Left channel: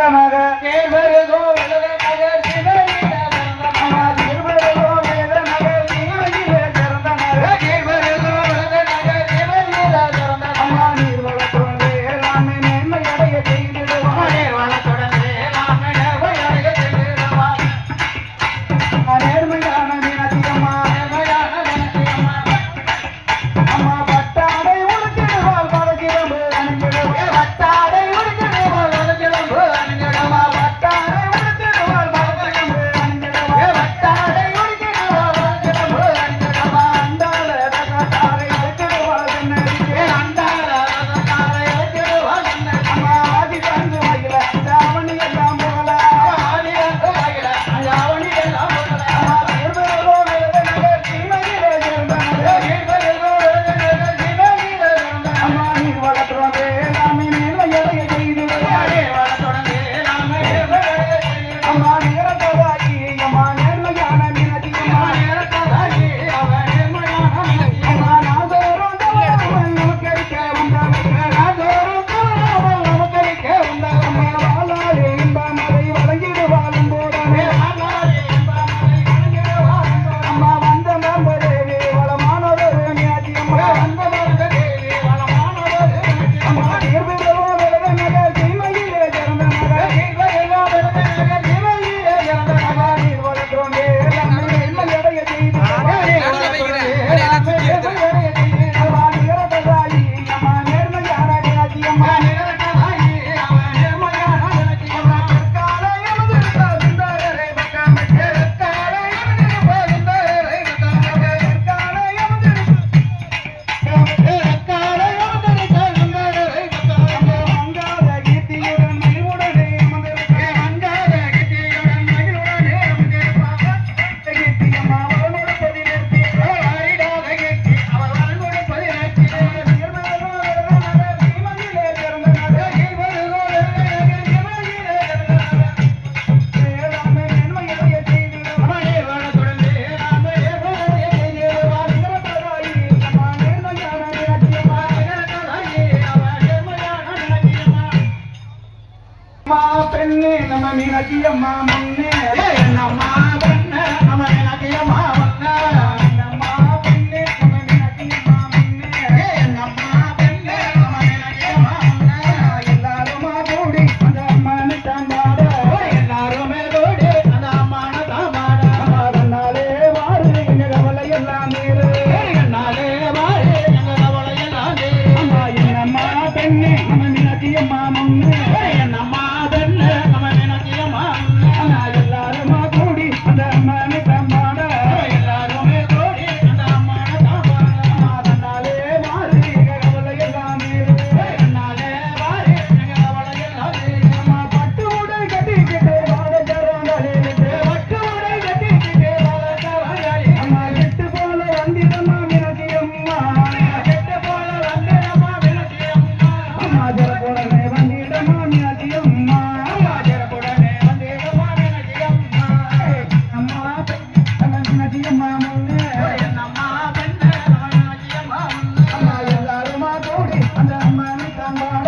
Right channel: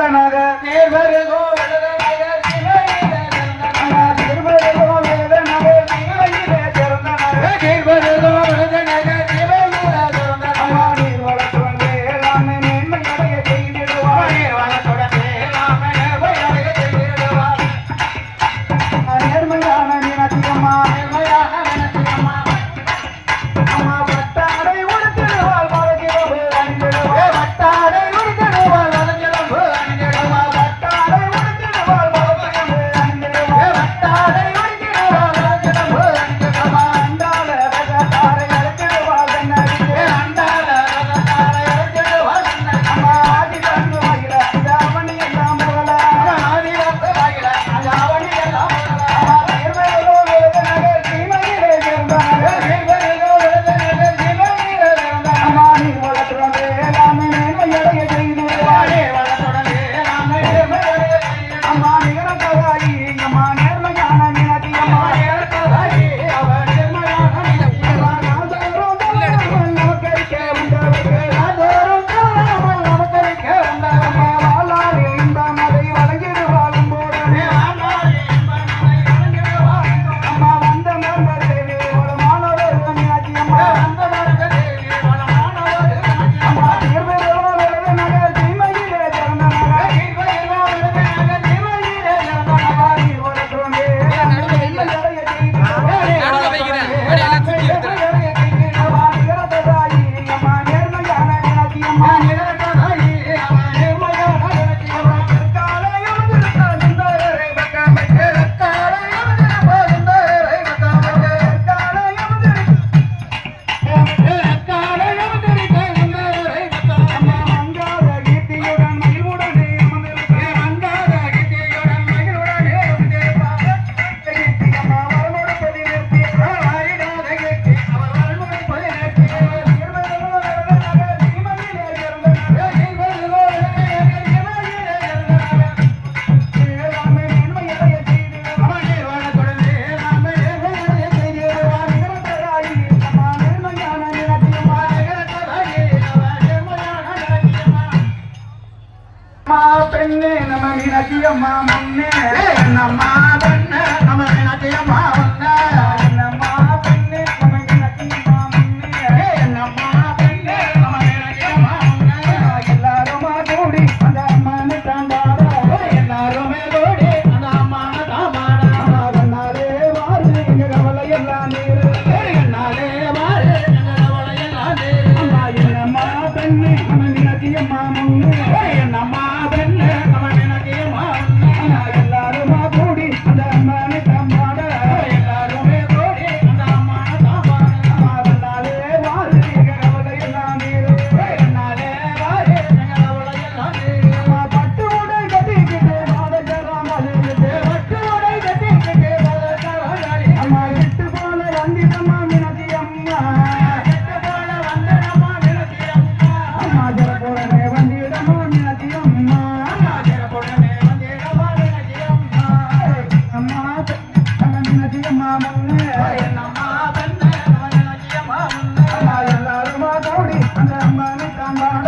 தனக சிறுபெருகோ mama. அம்மாவை தம்பாட